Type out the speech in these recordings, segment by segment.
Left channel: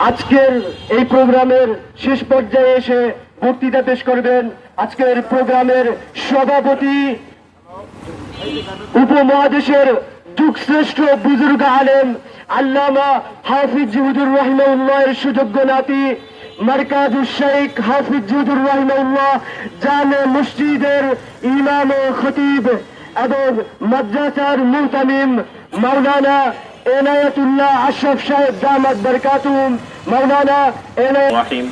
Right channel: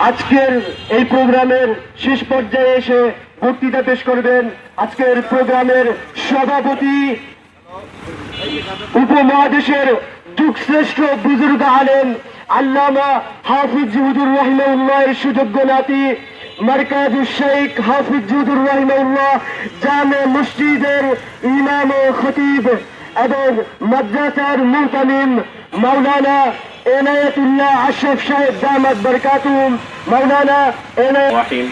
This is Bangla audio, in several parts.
আজকের এই প্রোগ্রামের শেষ পর্যায়ে এসে বক্তৃতা পেশ করবেন আজকের প্রোগ্রামের সভাপতি উপমহাদেশের যুগশ্রেষ্ঠ বুজুর্গ আলেম আল্লামা হাফিজ হুজুর রহমাউল্লাহ এর সুযোগ্য নাতি মার্কাজুল শেখ হাফিজ হুজুর রহমাউল্লাহ জামে মসজিদের ইমাম ও খতিব এবং মাদ্রাসার মুহতামিম মাওলানা এনায়তুল্লাহ আশরফ সাহেব দামাত বরকাতুম মাওলানা এনায়ত الرحيم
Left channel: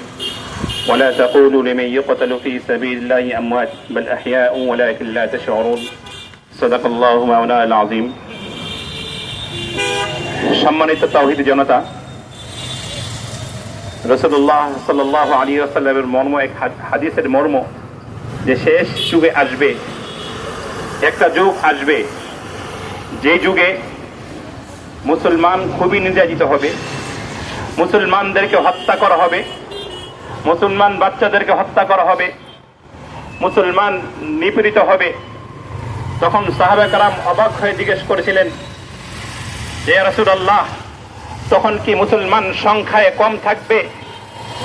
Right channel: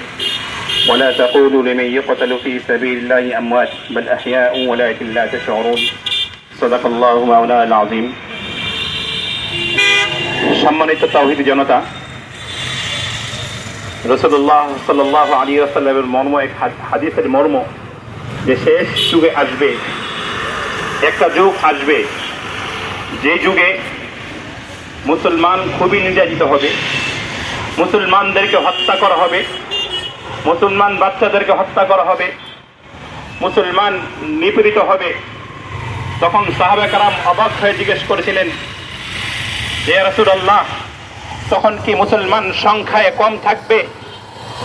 ولا تقولوا لمن يقتل في سبيل الله أموات بل أحياء ولكن لا تشعرون صدق الله مولانا العظيم সম্মানিত তাওহিদ জনতা রসদুল্লাহ সাল্লাহ আলী আসাল্লামের মর্ম এক হাদ- হাদিসের মর্ম যে শেষ যুগে আসবে একটা যুগ আসবে যে যুগে মুসলমান খুবই নির্যাতিত হবে। মুসলমানদেরকে হত্যা করা হবে। মুসলমান বাচ্চাদেরকে হত্যা করা হবে। মুসলমান নিপীড়িত হবে। তখন সাহাবে কারাম অবাক হয়ে জিজ্ঞেস করেছিলেন যে তখন কি মুসলমান সংখ্যায় কম থাকবে?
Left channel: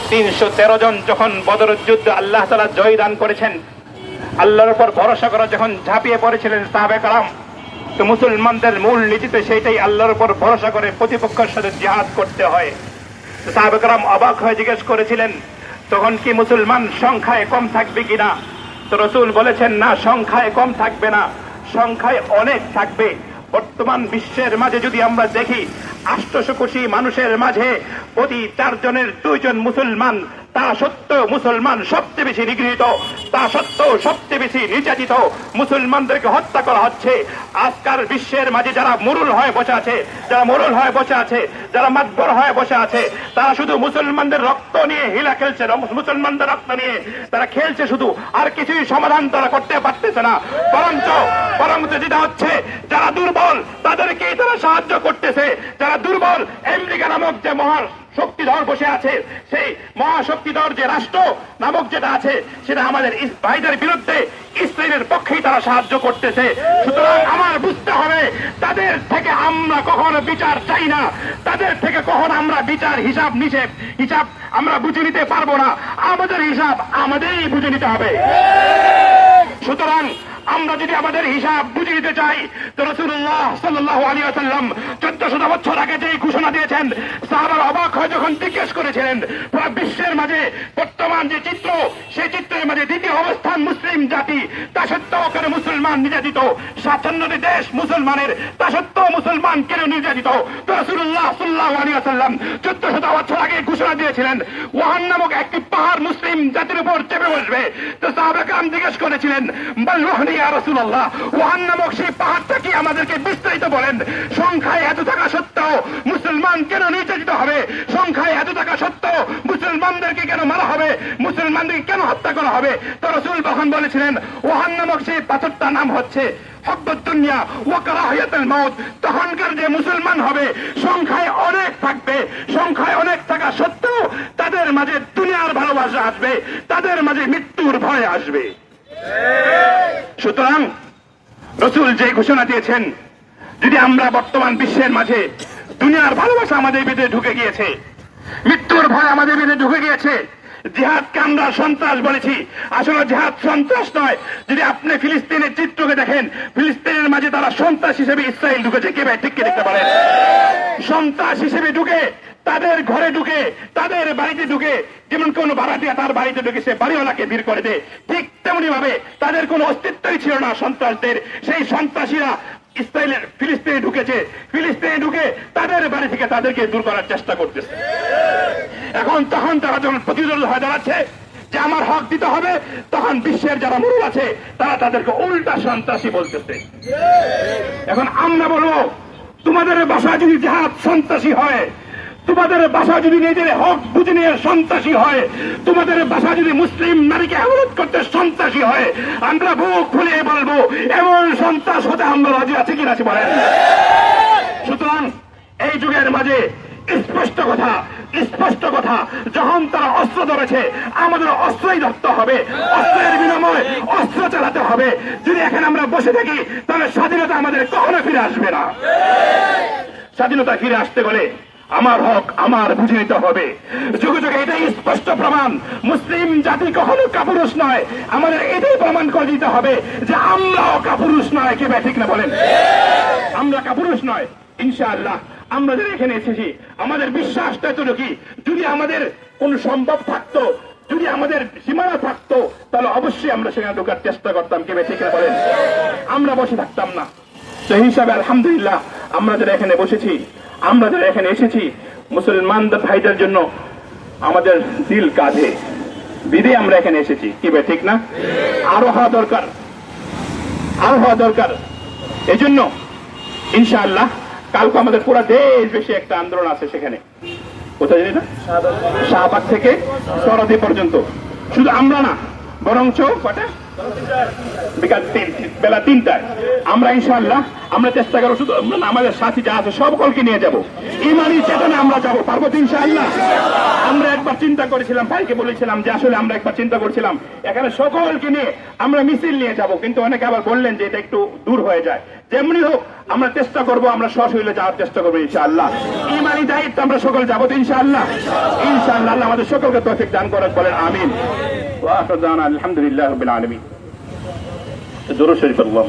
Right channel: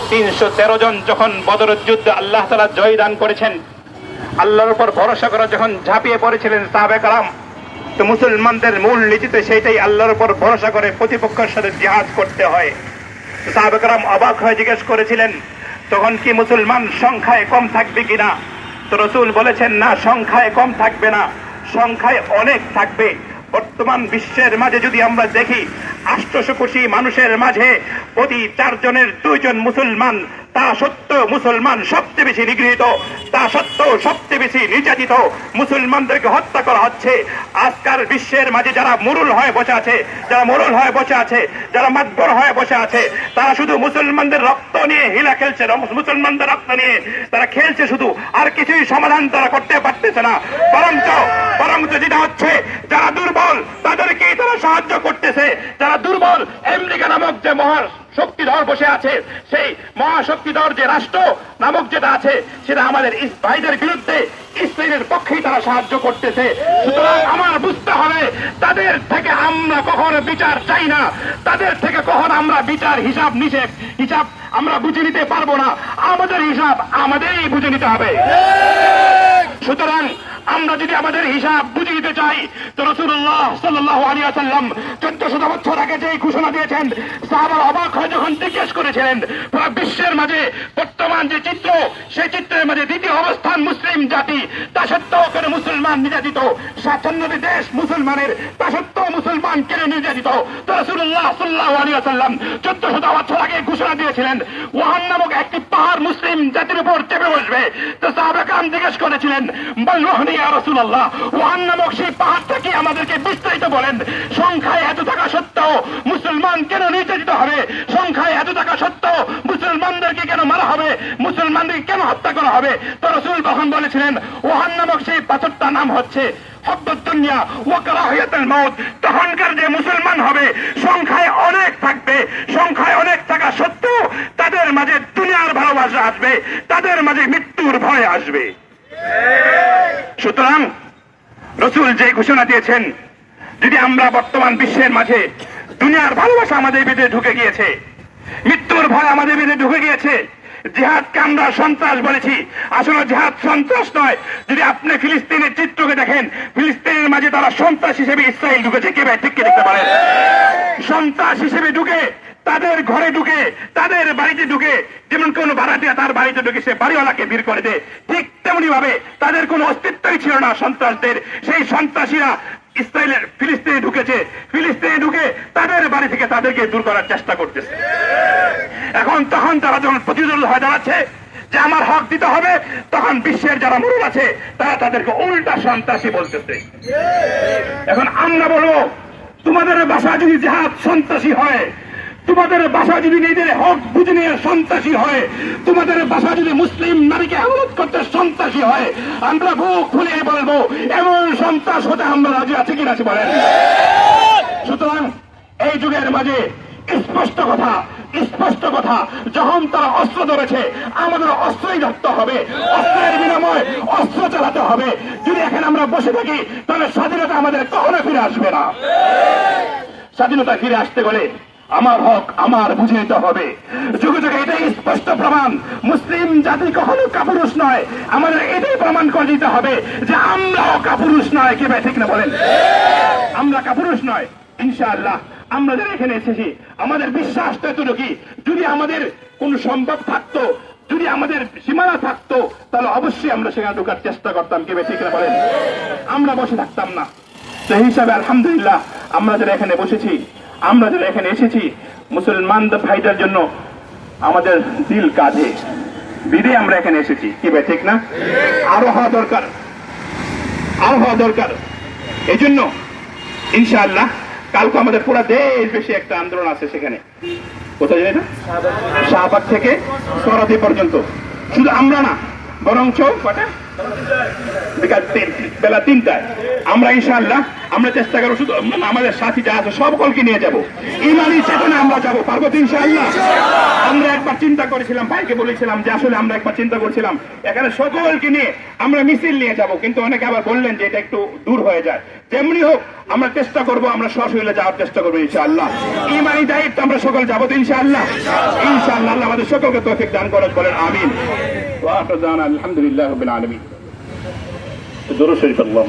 তিনশো তেরো জন যখন বদরের যুদ্ধে আল্লাহ তালা জয় দান করেছেন, আল্লাহর উপর ভরসা করে যখন ঝাঁপিয়ে পড়েছিলেন সাহাবে কারাম তো মুসলমানদের মূল নীতিতে সেইটাই আল্লাহর উপর ভরসা করে প্রতিপক্ষের সাথে জিহাদ করতে হয়। সাহাবেকরাম অবাক হয়ে জিজ্ঞেস করেছিলেন, তখন কি মুসলমান সংখ্যায় কম থাকবে কিনা? তো রসুল বলেছেন, না, সংখ্যায় কম থাকবে না, সংখ্যায় অনেক থাকবে। বর্তমান বিশ্বের মাঝে যদি আমরা দেখি আষ্টশো কোটি মানুষের মাঝে প্রতি চারজনের দুইজন মুসলমান তা সত্ত্বেও মুসলমান সবচেয়ে বেশি নিগৃহীত, তা সত্ত্বেও সবচেয়ে বেশি নির্যাতিত মুসলমানদেরকে হত্যা করা হচ্ছে। আজকাল বিশ্বের মাঝে যারা মুরুল হয়ে বসে আছে, যারা মুরুল হয়ে বসে আছে, যারা মাতবর হয়ে বসে আছে, তারা শুধু মুসলমানদের রক্ত নিয়ে হিলা খেলছে মুসলমানদের রক্ত নিয়ে তারা খেলছে শুধু, আর কিছুই সমাধান তারা করতে পারতেছে না। বরঞ্চ বরঞ্চ যেটা হচ্ছে, যারা দুর্বল, তাদেরকেই তারা সাহায্য করতেছে। যারা দুর্বল, আমেরিকা নামক যে মহান শক্তিধর বসে আছে, সেই মহাশক্তিধর যে রাষ্ট্র নামক যেটা আছে, সেটা আমাদের ভাইদের বিরুদ্ধে ইসরায়েলের পক্ষেই তারা সাহায্য করতেছে। সুতরাং আমার বুঝতে হবে, তাদের থেকে আমরা কখনো বিচার চাই না, তাদের থেকে কখনো আমরা বিচার হিসাব নিষেধ, হিসাব আমরা বুঝে নিতে পারব না। আমাদের হিসাব আমাদেরই বুঝে নিতে হবে। সুতরাং আমরা যদি আমাদের হিসাব বুঝে দিতে চাই, তো রসুল্লাহ সাল্লাহ আলিয়া সাল্লাম চোদ্দ শত বছর আগে যে ঘোষণা দিয়েছেন, সাহাবার অবাক হয় যখন জিজ্ঞেস করেছিলেন বিশ্বের মাঝে বর্তমান যে চিত্র, সেই চিত্রের মাঝে দ্বিতীয় অবস্থান মুসলিম জাতি, তা সত্ত্বেও কেন মুসলমান নির্যাতিত? সাতান্নটি দেশ মুসলমানের, তা সত্ত্বেও মুসলমান কেন নির্যাতিত? তো সাল্লাহ বছর আগে ঘোষণা দিয়েছিলেন, ওয়াহান নামক একটি পাহাড় মুসলিম জাতির উপর চেপে বসবে। তো জিজ্ঞেস করেছিলেন বলরহনি রসুল্লাহ ওয়াহান নামক সেই পাহাড়টা কি আমাদেরকে বিস্তারিত বলেন? সংখ্যায় এত থাকা সত্ত্বেও মুসলমান কেন নির্যাতিত হবে? সংখ্যায় এত থাকা সত্ত্বেও মুসলমানদেরকে কেন মুসলমানদেরকে কেন হত্যা করা হবে? তো রসুল তখন বলেছিলেন, ওহান নামক সেই পাথরটার নাম হচ্ছে হব্বতুনিয়া হয়াতুল মউত। তখনকার যে মুসলমান হবে, সংখ্যায় অনেক থাকবে, সংখ্যায় অনেক থাকা সত্ত্বেও তাদের মাঝে দুনিয়ার ভালোবাসা আসবে, তাদের মাঝে মৃত্যুর ভয় আসবে। সুতরাং রসুল যে ঘোষণা দিয়েছেন, যদি আমরা বর্তমান বিশ্বের মাঝে দুনিয়ার ভালোবাসা আমাদের ভিতরে ঢুকে গিয়েছে, মৃত্যুর ভয় আমাদের ভিতরে ঢুকে গিয়েছে জিহাদকে আমরা সন্ত্রাস বলেছি। আসলে জিহাদ সন্ত্রাস নয়। যদি আপনি ফিলিস্তিনের চিত্রকে দেখেন, ফিলিস্তিনের মাঝে তারা সন্ত্রাস হিসেবে ইসরায়েল ঢুকেছে। কে ভাই, ঠিক কে দেখতে পারেন? সন্ত্রাস হিসেবে ঢুকে, তাদের ঘরে ঢুকে, তাদের বাড়িতে ঢুকে, যেমন কোন ভাড়াটিয়া তার বাড়িতে ঢুকে, সে বাড়িওয়ালাকে ভিড় করে দেয়। ঠিক তেমনি ভাবে তাদের কোনো অস্তিত্বই ছিল না সন্ত্রাসদের। সেই সন্ত্রাসীরা ইসরায়েলের ফিলিস্তিনে ঢুকেছে। ফিলিস্তিনে ঢুকে তাদের বাড়ি থেকে তাদেরকে দূর করার চেষ্টা করতেছে। এখন তখন তারা যখন প্রতিরোধ হয়ে দাঁড়াচ্ছে, যে আমার হক দিতে হবে, তখন বিশ্বের যারা মূল আছে, তারা তাদেরকে উল্টা সন্ত্রাসী বলতেছে। এখন আমরা বলব, তোমাদের বাসা যদি জেহাদ সন্ত্রাসী হয়, তোমাদের বাসা যদি নিজেদের হক বুঝে নিয়ে সন্ত্রাসী হয়, তোমাদের বাসা যদি মুসলিম নারীকে অবরোধ করতে সন্ত্রাসী হয়, আমরা বুক খুলে বলব, এমন সন্ত্রাস হতে আমরা রাজি আছি কিনা সুতরাং, এই যুগের মাঝে স্পষ্ট কথা স্পষ্ট কথা। যখন তারা অস্ত্র ধরেছে, আমাদের অস্ত্রই ধরতে হবে, অস্ত্রের বিনিময় অস্ত্র চালাতে হবে। যদি এখানে আমরা বসে থাকি, তাহলে স্বাধীনতা আমাদের কখনো ফিরে আসবে না। স্বাধীনতা ফিরে আসতে গেলে আমার হক আমার বুঝে নিতে হবে। যুগে যুগে এটাই স্পষ্ট প্রমাণ। মুসলিম জাতি কখনো কাপুরুষ নয়। আমাদের এটাই প্রমাণ করে দিতে হবে যে আমরাও কাপুরুষ নয়। কে ভাই, ঠিক না বলেন? আমরা কাপুরুষ নয়। ইনশাআল্লাহ। আমরা যারা এখানে এসেছি, আমাদের বিশ্বাসটা এতটুকু। যদি আমাদের কোন সম্ভব থাকতো, যদি আমাদের সীমানা থাকতো, তাহলে অবশ্যই আমরা সেখানে ঢোকার চেষ্টা করতাম, কে ভাই, ঠিক না বলেন? আমরা বসে থাকতাম না। সেই হিসাবে আলহামদুলিল্লাহ, আমরা যারা এখানে বসেছি, আমরা যারা এখানে এসেছি, মুসলমানদের ভাইদের জন্য আমাদের দিল কাঁধে। বিদে আমরা এখানে এসেছি, কি ভাই, ঠিক না? আরও হওয়া দরকার। আরও হওয়া দরকার। এই জন্য ইনশাআল্লাহ কালকে আমাদের পুরো দেশ বেশি একটা আন্দোলন আছে সেখানে। কোথায় জানি না? শাহবাগ থেকে সরাদি পর্যন্ত। শুধু আমরা না, বরঞ্চ কটা বিকাল বেলা তিনটায়। আমরা আমরা চেষ্টা করব শুধু মানে আমাদের সাথী যা আছে নিয়ে ইমানি চেতনে আমরা যাব পারব আমরা একবার চিন্তা করেছিলাম, ভাইকে বলেছিলাম যে আসলে আমরা একবার চিন্তা এখানে সকলকে নিয়ে আমরা মিছিল নিয়ে যাব, কিন্তু অনেকে আবার বললেন যে এটা একটু দূর হয়ে যায়। যেমনি হোক, আমরা চেষ্টা করব, আমরা সশরীরে যাওয়ার চেষ্টা করব ইনশাআল্লাহ। ইমানি দায়িত্ব আমরা সকল যাব তো ইনশাআল্লাহ। ইনশাআল্লাহ আমাদের সকলকে তৌফিক দান করেন, বলেন আমিন। وآخر دعوانا الحمد لله رب العالمين. الدروس شريف الله.